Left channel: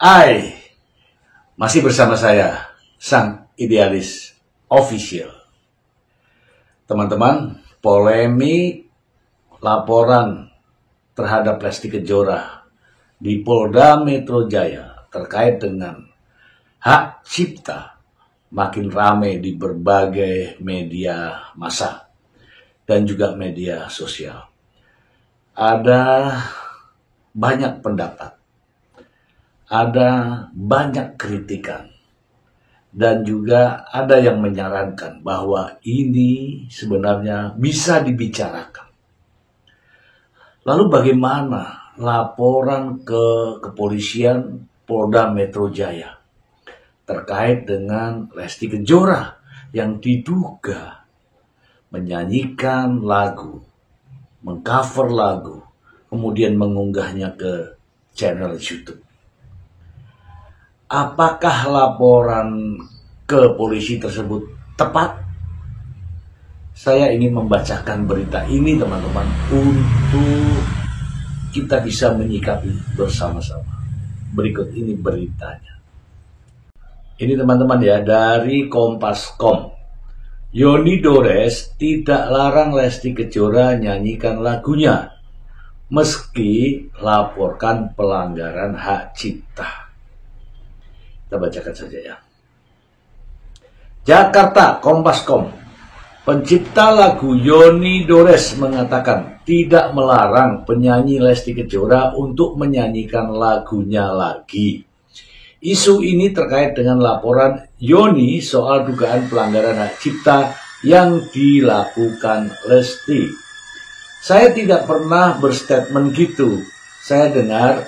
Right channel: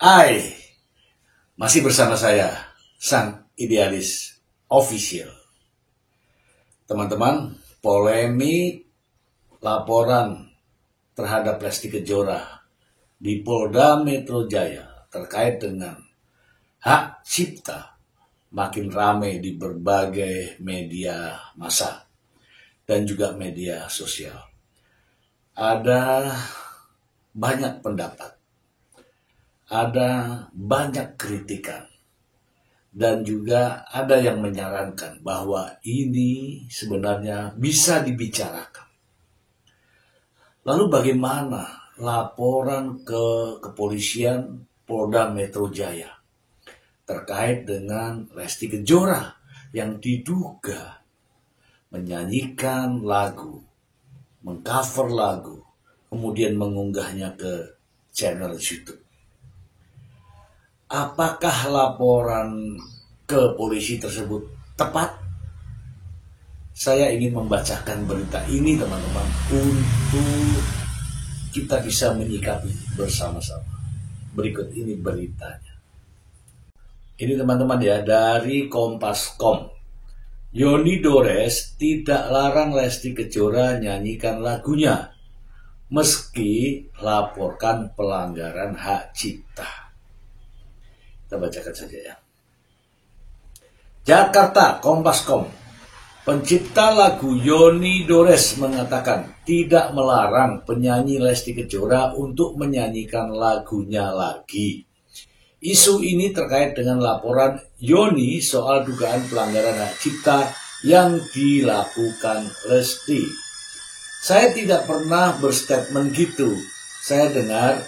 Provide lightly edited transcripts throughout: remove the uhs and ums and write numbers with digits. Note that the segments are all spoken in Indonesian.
Hai, masih bersama saya, Sang Idealis Official. Teman-teman, polemik laporan terhadap Lesti Kejora di Polda Metro Jaya terkait dengan hak cipta makin ramai di berbagai media massa dan juga media sosial. Ada banyak pendapat, ada banyak kritikan, dan juga ada yang menyarankan bahwa ini sebenarnya bisa dibicarakan. Lalu bagaimana laporan ke kepolisian Polda Metro Jaya terkait dengan Lesti Kejora yang diduga menyanyikan lagu, mengcover lagu, kemudian mengunggahnya ke channel YouTube? Apakah laporan ke polisi tersebut tepat? Saya ingin membacakan berita ini, teman-teman, untuk kita bisa menyikapi bersama-sama. Berikut ini beritanya. Ini, teman-teman, ya, dari Kompas.com. Yoni Dores tidak larang Lesti Kejora nyanyikan lagunya meski laporkan pelanggaran hak cipta. Kita bacakan saja, ya. Jakarta, Kompas.com. Pencipta lagu Yoni Dores mengatakan tidak melarang penyanyi Lesti Kejora untuk menyanyikan lagunya lagi. Isu ini terkait dengan laporan Yoni soal dugaan pelanggaran hak cipta yang dilakukan Lesti. Saya tidak pernah berstatement gitu. Saya dengar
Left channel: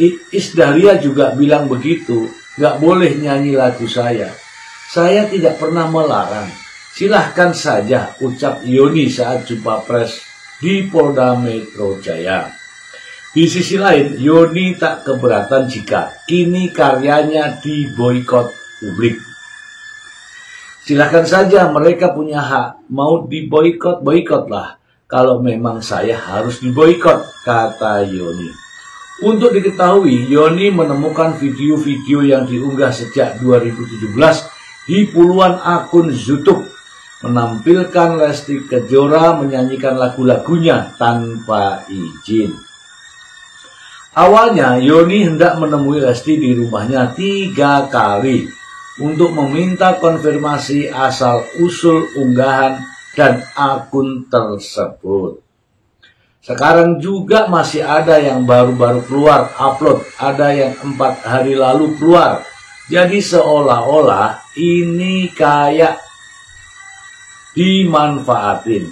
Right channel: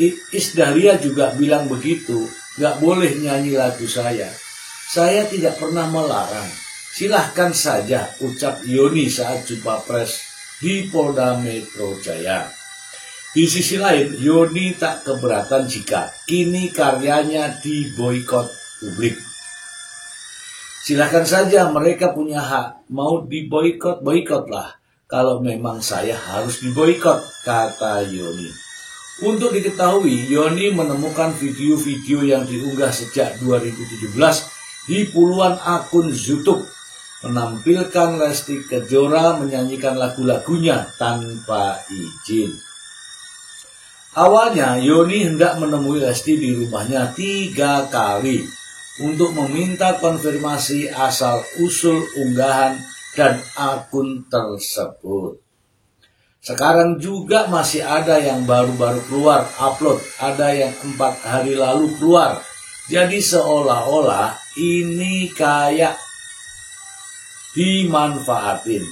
Iis Dahlia juga bilang begitu. Gak boleh nyanyi lagu saya. Saya tidak pernah melarang. Silahkan saja, ucap Yoni saat jumpa pers di Polda Metro Jaya. Di sisi lain, Yoni tak keberatan jika kini karyanya diboikot publik. Silahkan saja, mereka punya hak. Mau diboikot, boikotlah. Kalau memang saya harus diboikot, kata Yoni. Untuk diketahui, Yoni menemukan video-video yang diunggah sejak 2017 di puluhan akun YouTube menampilkan Lesti Kejora menyanyikan lagu-lagunya tanpa izin. Awalnya, Yoni hendak menemui Lesti di rumahnya 3 kali untuk meminta konfirmasi asal-usul unggahan dan akun tersebut. Sekarang juga masih ada yang baru-baru keluar upload, ada yang 4 hari lalu keluar. Jadi seolah-olah ini kayak dimanfaatin.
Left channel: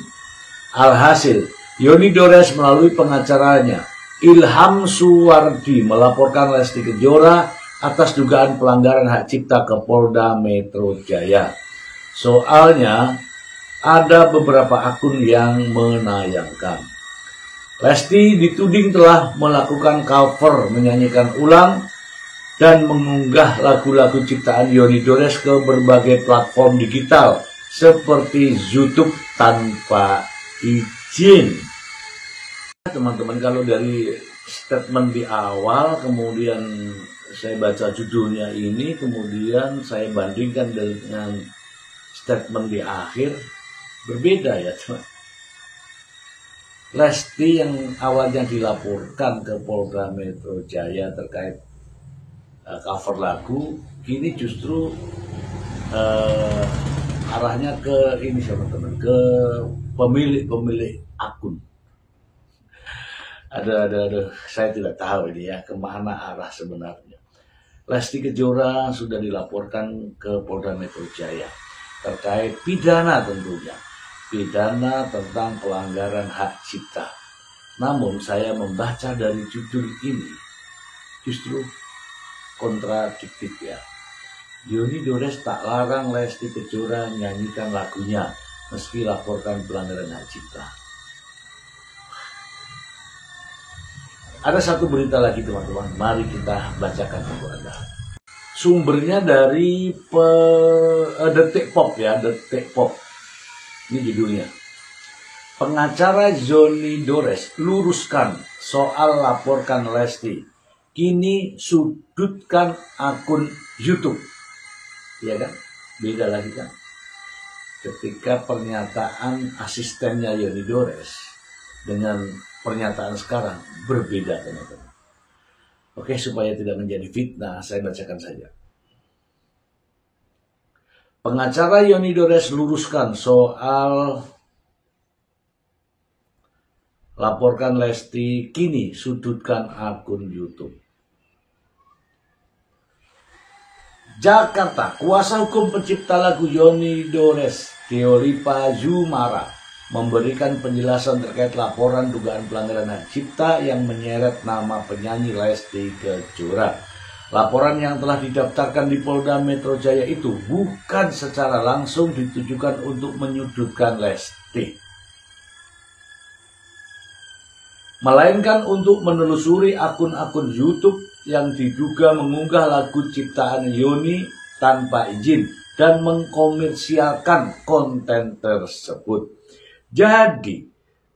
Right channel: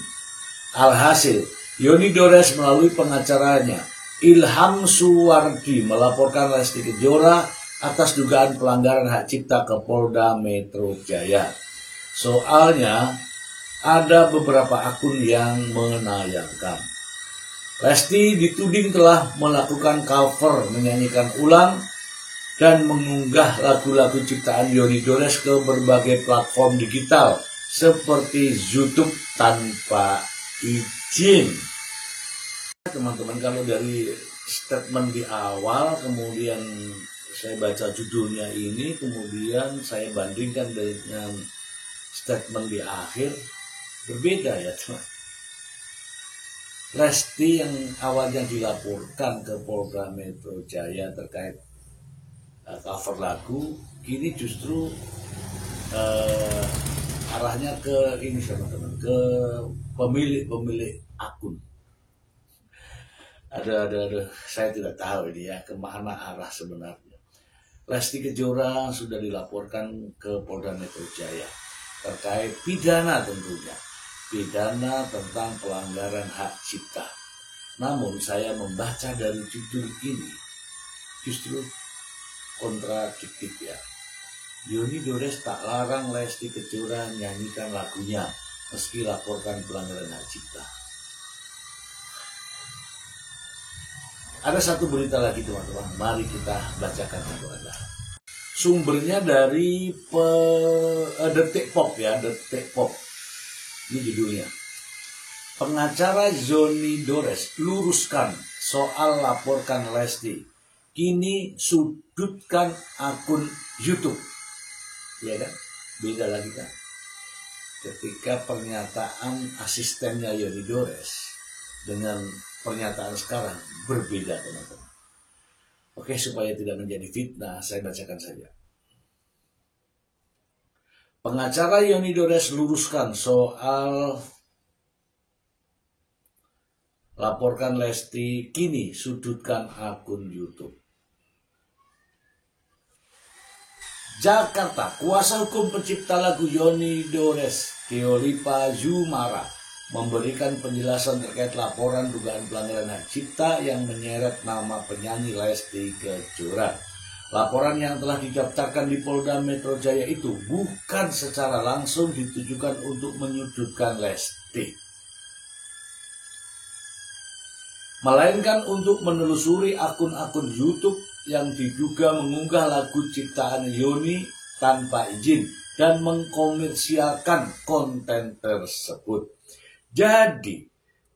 Alhasil, Yoni Dores melalui pengacaranya, Ilham Suwardi, melaporkan Lesti Kejora atas dugaan pelanggaran hak cipta ke Polda Metro Jaya. Soalnya, ada beberapa akun yang menayangkan Lesti dituding telah melakukan cover, menyanyikan ulang, dan mengunggah lagu-lagu ciptaan Yoni Dores ke berbagai platform digital seperti YouTube tanpa izin. Teman-teman, kalau dari statement di awal, kemudian saya baca judulnya ini, kemudian saya bandingkan dengan statement di akhir, berbeda, ya, teman. Lesti yang awalnya dilaporkan ke Polda Metro Jaya terkait cover lagu, kini justru arahnya ke ini, teman-teman, ke pemilik akun. Ada, saya tidak tahu ini, ya, kemana arah sebenarnya. Lesti Kejora sudah dilaporkan ke Polda Metro Jaya terkait pidana, tentunya pidana tentang pelanggaran hak cipta. Namun saya membaca dari judul ini justru kontradiktif, ya. Yoni Dores tak larang Lesti Kejora nyanyikan lagunya meski laporkan pelanggaran hak cipta. Ada satu berita lagi, teman-teman, mari kita bacakan untuk Anda. Sumbernya dari Detik Pop, ya, Detik Pop. Ini judulnya. Pengacara Yoni Dores luruskan soal laporkan Lesti. kini sudutkan akun YouTube. Ya kan? Beda lagi kan? Ketika pernyataan asistennya Yoni Dores dengan pernyataan sekarang berbeda, teman-teman. Oke, supaya tidak menjadi fitnah, saya bacakan saja. Pengacara Yoni Dores luruskan soal laporkan Lesti, kini sudutkan akun YouTube. Jakarta, kuasa hukum pencipta lagu Yoni Dores, Deolipa Zumara, memberikan penjelasan terkait laporan dugaan pelanggaran hak cipta yang menyeret nama penyanyi Lesti Kejora. Laporan yang telah didaftarkan di Polda Metro Jaya itu bukan secara langsung ditujukan untuk menyudutkan Lesti, melainkan untuk menelusuri akun-akun YouTube yang diduga mengunggah lagu ciptaan Yoni tanpa izin dan mengkomersialkan konten tersebut. Jadi,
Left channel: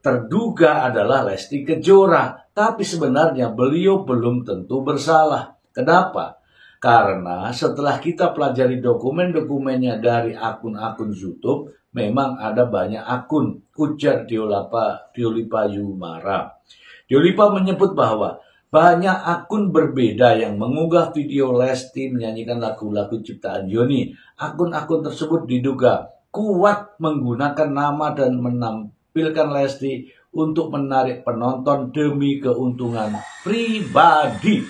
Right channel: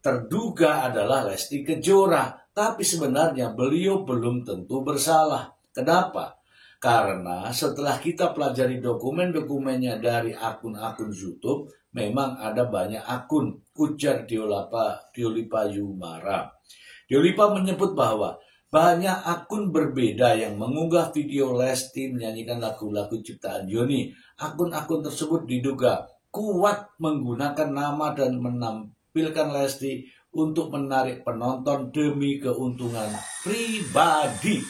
terduga adalah Lesti Kejora, tapi sebenarnya beliau belum tentu bersalah. Kenapa? Karena setelah kita pelajari dokumen-dokumennya dari akun-akun YouTube, memang ada banyak akun, ujar Deolipa Zumara. Deolipa menyebut bahwa banyak akun berbeda yang mengunggah video Lesti menyanyikan lagu-lagu ciptaan Yoni. Akun-akun tersebut diduga kuat menggunakan nama dan menampilkan Lesti untuk menarik penonton demi keuntungan pribadi.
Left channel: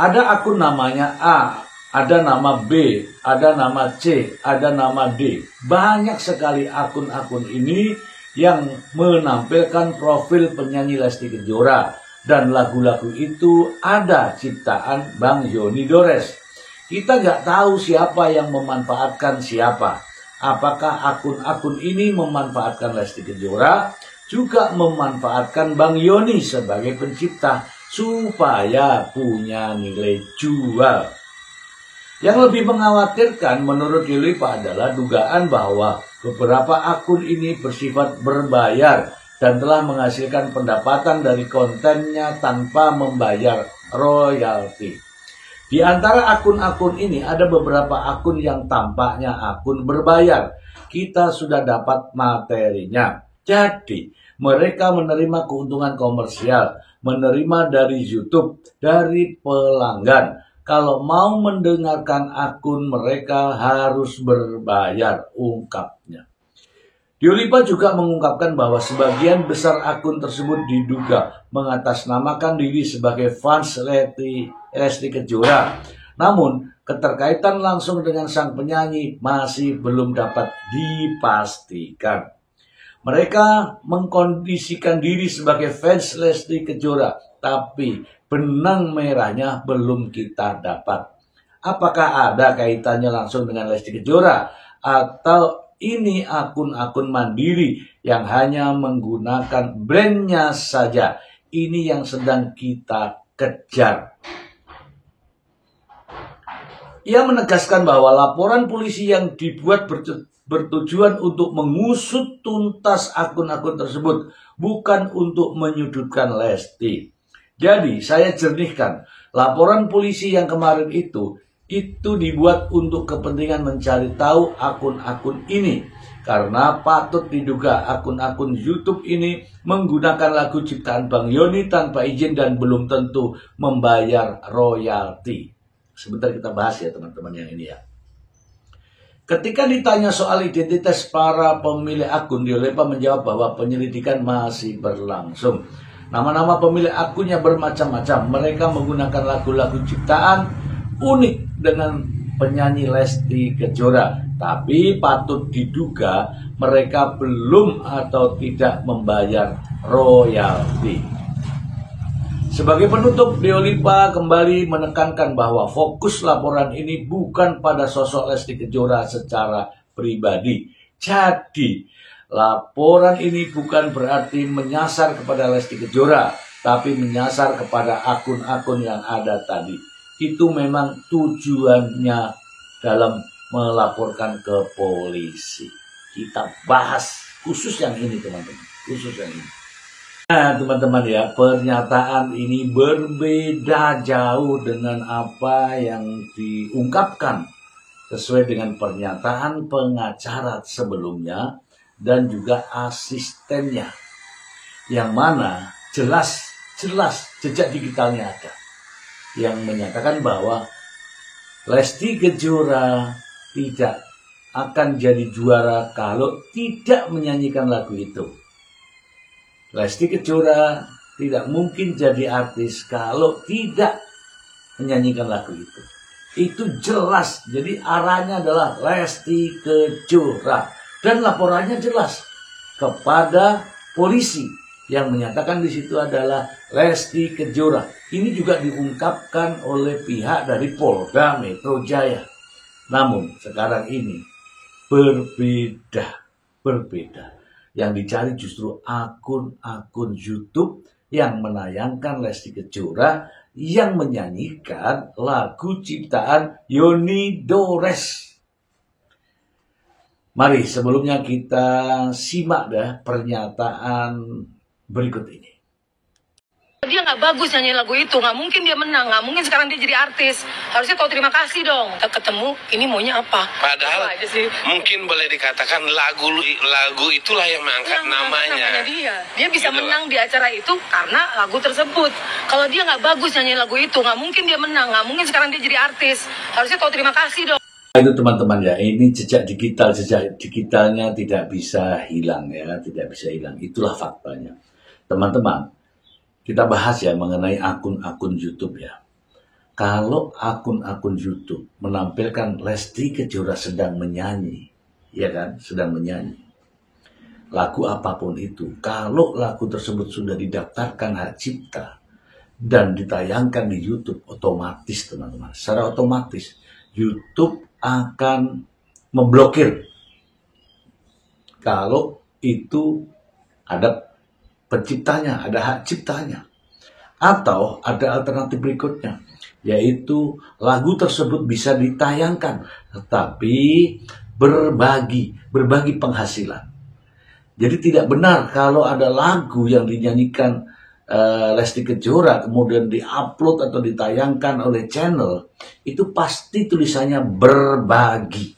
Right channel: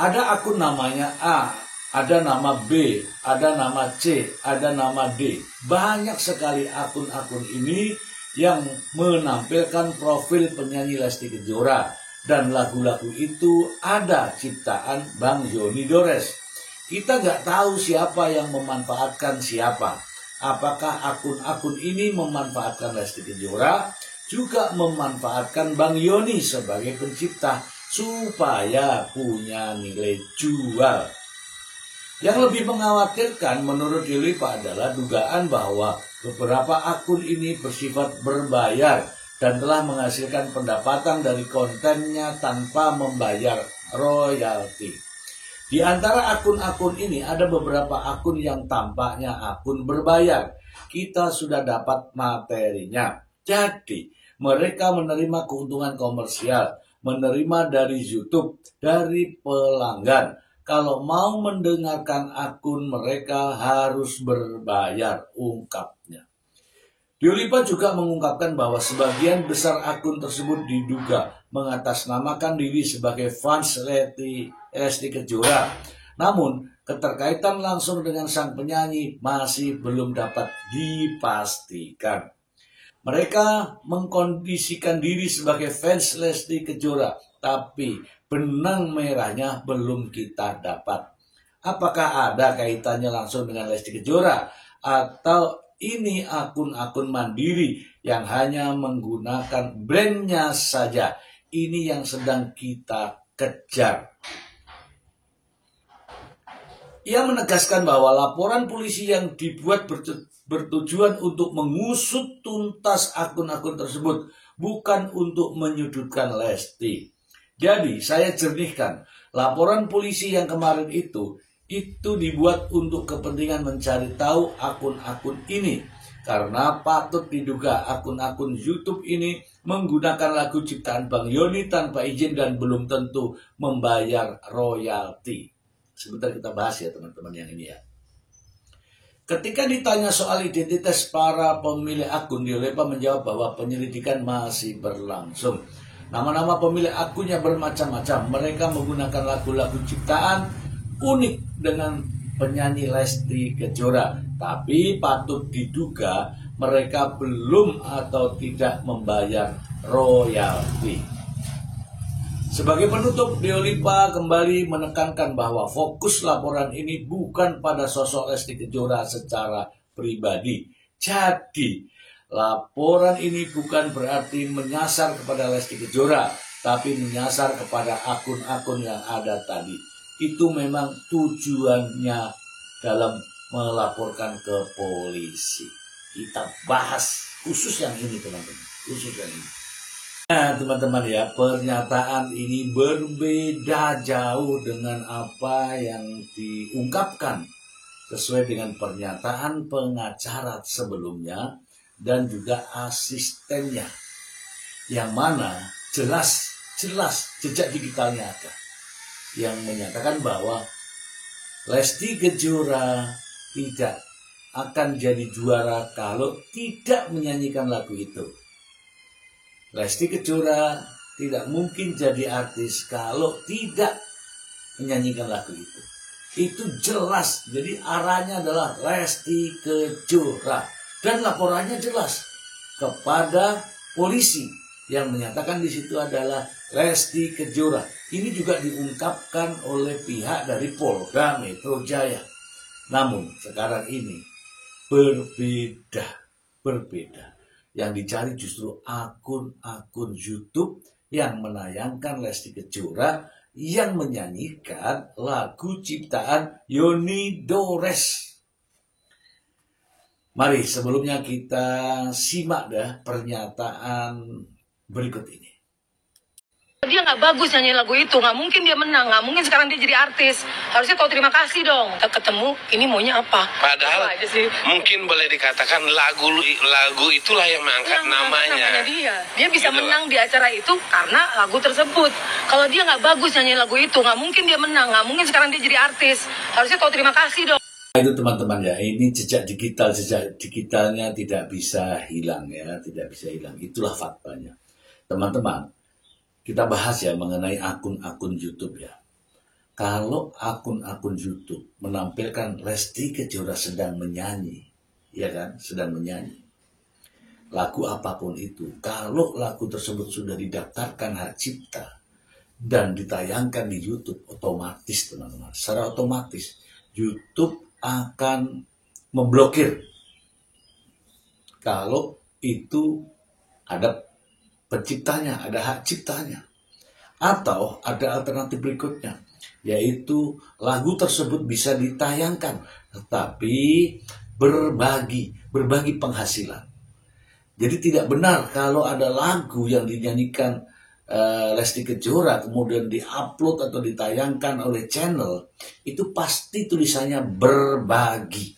Ada akun namanya A, ada nama B, ada nama C, ada nama D. Banyak sekali akun-akun ini yang menampilkan profil penyanyi Lesti Kejora, dan lagu-lagu itu ada ciptaan Bang Yoni Dores. Kita nggak tahu siapa yang memanfaatkan siapa. Apakah akun-akun ini memanfaatkan Lesti Kejora, juga memanfaatkan Bang Yoni sebagai pencipta supaya punya nilai jual. Yang lebih mengkhawatirkan menurut Deolipa adalah dugaan bahwa beberapa akun ini bersifat berbayar dan telah menghasilkan pendapatan dari kontennya tanpa membayar royalti. Di antara akun-akun ini ada beberapa akun yang tampaknya akun berbayar. Kita sudah dapat materinya. Jadi, mereka menerima keuntungan komersial, menerima dari YouTube, dari pelanggan. Kalau mau mendengarkan akun mereka harus berbayar, ungkapnya. Deolipa juga mengungkapkan bahwa sebagian besar akun tersebut diduga mengatasnamakan diri sebagai fans Lesti Kejora. Namun, keterkaitan langsung dengan sang penyanyi masih belum dapat dipastikan. Mereka mengkondisikan diri sebagai fans Lesti Kejora, tapi benang merahnya belum kita dapat. Apakah ada kaitannya langsung dengan Lesti Kejora, atau ini akun-akun mandiri yang hanya menggunakan brandnya saja? Ini yang sedang kita kejar. Ia menegaskan bahwa laporan polisi yang dibuat bertujuan untuk mengusut tuntas akun-akun tersebut, bukan untuk menyudutkan Lesti. Jadi, saya jernihkan, laporan polisi yang kemarin itu dibuat untuk kepentingan mencari tahu akun-akun ini. Karena patut diduga akun-akun YouTube ini menggunakan lagu ciptaan Bang Yoni tanpa izin dan belum tentu membayar royalti. Sebentar kita bahas ya teman-teman yang ini ya. Ketika ditanya soal identitas para pemilik akun, Deolipa menjawab bahwa penyelidikan masih berlangsung. Nama-nama pemilik akunnya bermacam-macam. Mereka menggunakan lagu-lagu ciptaan unik dengan penyanyi Lesti Kejora. Tapi patut diduga mereka belum atau tidak membayar royalti. Sebagai penutup, Deolipa kembali menekankan bahwa fokus laporan ini bukan pada sosok Lesti Kejora secara pribadi. Jadi, laporan ini bukan berarti menyasar kepada Lesti Kejora, tapi menyasar kepada akun-akun yang ada tadi. Itu memang tujuannya dalam melaporkan ke polisi. Kita bahas khusus yang ini teman-teman, khusus yang ini. Nah, teman-teman ya, pernyataan ini berbeda jauh dengan apa yang diungkapkan sesuai dengan pernyataan pengacara sebelumnya dan juga asistennya, yang mana jelas jejak digitalnya ada yang menyatakan bahwa Lesti Kejora tidak akan jadi juara kalau tidak menyanyikan lagu itu. Lesti Kejora tidak mungkin jadi artis kalau tidak menyanyikan lagu itu. Itu jelas. Jadi arahnya adalah Lesti Kejora. Dan laporannya jelas kepada polisi yang menyatakan di situ adalah Lesti Kejora. Ini juga diungkapkan oleh pihak dari Polda Metro Jaya. Namun sekarang ini berbeda. Yang dicari justru akun-akun YouTube yang menayangkan Lesti Kejora yang menyanyikan lagu ciptaan Yoni Dores. Mari sebelumnya kita simak pernyataan berikut ini. Dia nggak bagus nyanyi lagu itu, nggak mungkin dia menang, nggak mungkin sekarang dia jadi artis. Harusnya tahu terima kasih dong. Kita ketemu, ini maunya apa? Padahal aja sih. Mungkin boleh dikatakan lagu itulah yang mengangkat namanya dia. Dia bisa gitu menang di acara itu karena lagu tersebut. Kalau dia nggak bagus nyanyi lagu itu, nggak mungkin dia menang, nggak mungkin sekarang dia jadi artis. Harusnya tahu terima kasih dong. Itu teman-teman ya, ini jejak digitalnya tidak bisa hilang ya, tidak bisa hilang. Itulah faktanya. Teman-teman, kita bahas ya mengenai akun-akun YouTube ya. Kalau akun-akun YouTube menampilkan Lesti Kejora sedang menyanyi, ya kan, sedang menyanyi lagu apapun itu, kalau lagu tersebut sudah didaftarkan hak cipta dan ditayangkan di YouTube, otomatis teman-teman, secara otomatis YouTube akan memblokir kalau itu ada penciptanya, ada hak ciptanya. Atau ada alternatif berikutnya, yaitu lagu tersebut bisa ditayangkan tetapi berbagi penghasilan. Jadi tidak benar kalau ada lagu yang dinyanyikan Lesti Kejora kemudian diupload atau ditayangkan oleh channel, itu pasti tulisannya berbagi.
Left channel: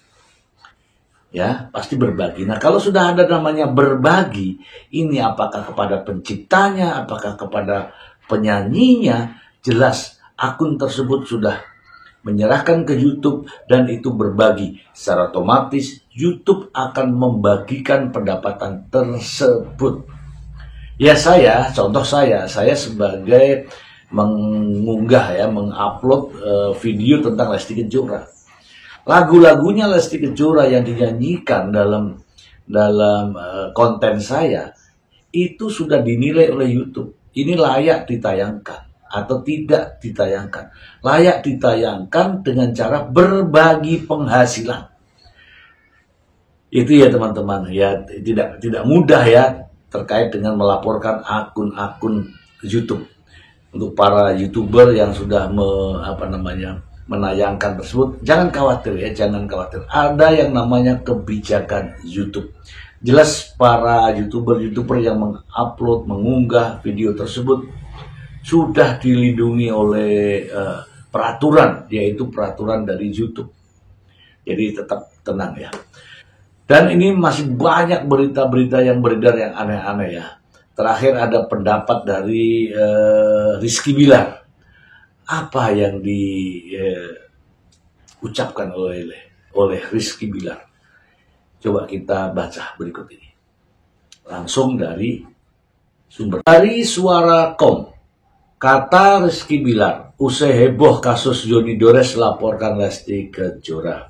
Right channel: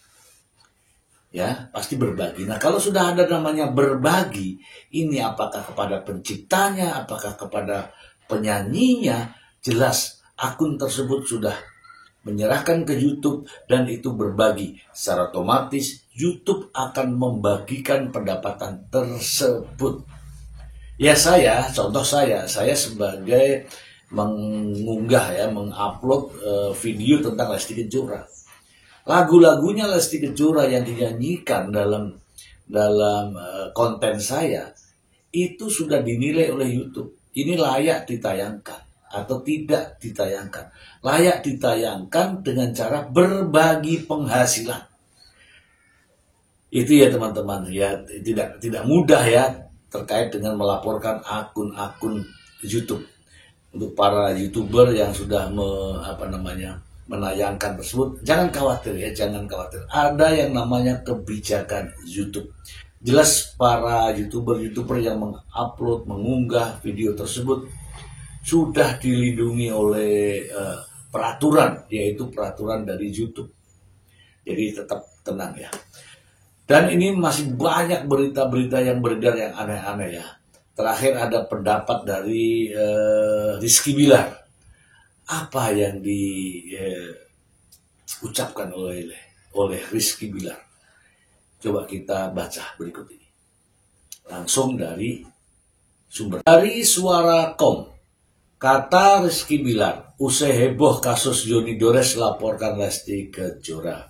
Ya, pasti berbagi. Nah, kalau sudah ada namanya berbagi, ini apakah kepada penciptanya, apakah kepada penyanyinya, jelas akun tersebut sudah menyerahkan ke YouTube dan itu berbagi. Secara otomatis YouTube akan membagikan pendapatan tersebut. Ya contoh saya sebagai mengunggah ya, mengupload video tentang Lesti Kejora. Lagu-lagunya Lesti Kejora yang dinyanyikan dalam konten saya itu sudah dinilai oleh YouTube. Ini layak ditayangkan atau tidak ditayangkan. Layak ditayangkan dengan cara berbagi penghasilan. Itu ya teman-teman ya, tidak mudah ya terkait dengan melaporkan akun-akun YouTube. Untuk para YouTuber yang sudah menayangkan tersebut, jangan khawatir ya, jangan khawatir. Ada yang namanya kebijakan YouTube. Jelas para YouTuber yang mengupload, mengunggah video tersebut sudah dilindungi oleh peraturan, yaitu peraturan dari YouTube. Jadi tetap tenang ya. Dan ini masih banyak berita-berita yang beredar yang aneh-aneh ya. Terakhir ada pendapat dari Rizky Bilar. Apa yang diucapkan oleh Rizky Bilar? Coba kita baca berikut ini. Langsung dari sumber. Dari Suara.com, kata Rizky Bilar, usai heboh kasus Yoni Dores laporkan Lesti Kejora.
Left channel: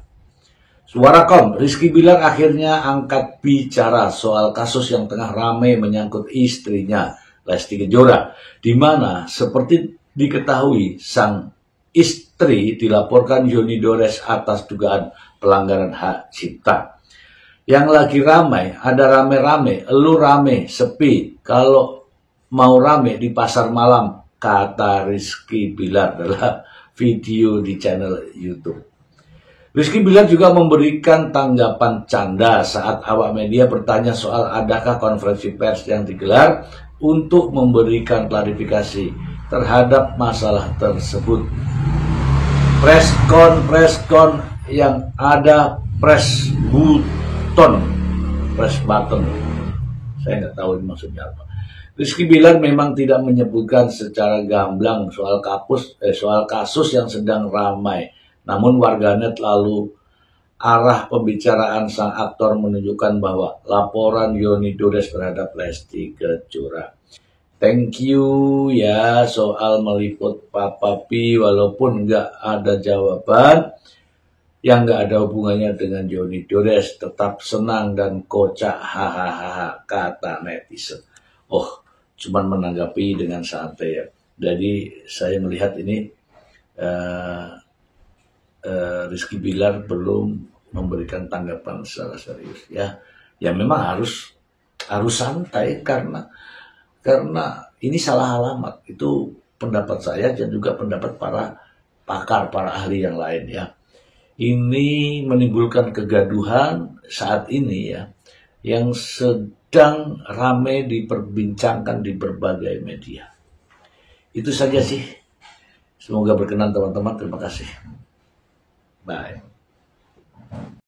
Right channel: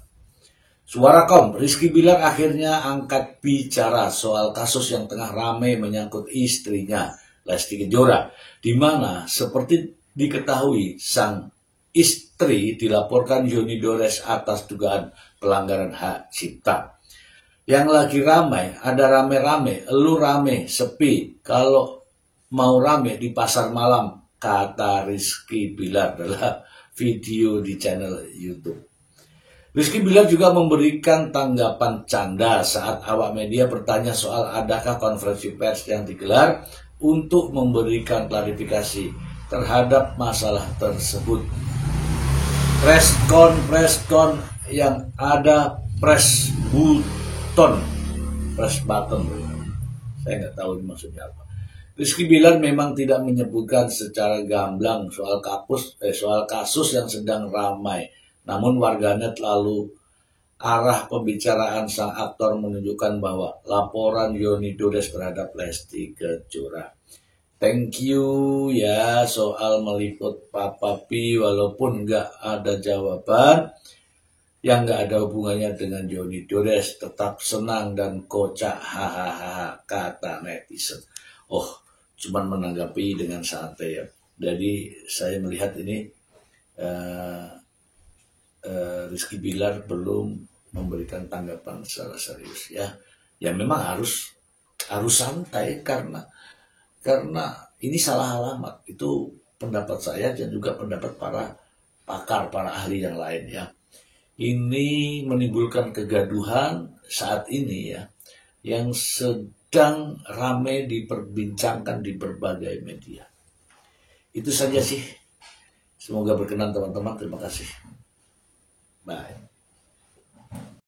Suara.com, Rizky Bilar akhirnya angkat bicara soal kasus yang tengah ramai menyangkut istrinya, Lesti Kejora, di mana seperti diketahui sang istri dilaporkan Yoni Dores atas dugaan pelanggaran hak cipta. Yang lagi ramai, ada rame-rame, lu rame, sepi, kalau mau rame di pasar malam, kata Rizky Bilar dalam video di channel YouTube. Rizky Bilar juga memberikan tanggapan canda saat awak media bertanya soal adakah konferensi pers yang digelar untuk memberikan klarifikasi terhadap masalah tersebut. Preskon yang ada press button, saya nggak tahu ini maksudnya apa. Rizky Bilar memang tidak menyebutkan secara gamblang soal kasus yang sedang ramai, namun warganet lalu arah pembicaraan sang aktor menunjukkan bahwa laporan Yoni Dores terhadap Lesti Kejora. Thank you ya soal meliput Papa P, walaupun nggak ada jawaban yang nggak ada hubungannya dengan Yoni Dores, tetap senang dan kocak, hahaha, kata netizen. Oh, cuman menanggapi dengan santai ya. Jadi saya melihat ini Rizky Bilar belum memberikan tanggapan secara serius ya. Ya memang harus santai karena ini salah alamat. Itu pendapat saya dan juga pendapat para pakar, para ahli yang lain ya. Ini menimbulkan kegaduhan saat ini ya, yang sedang ramai diperbincangkan di berbagai media. Itu saja sih. Semoga berkenan teman-teman. Terima kasih. Bye.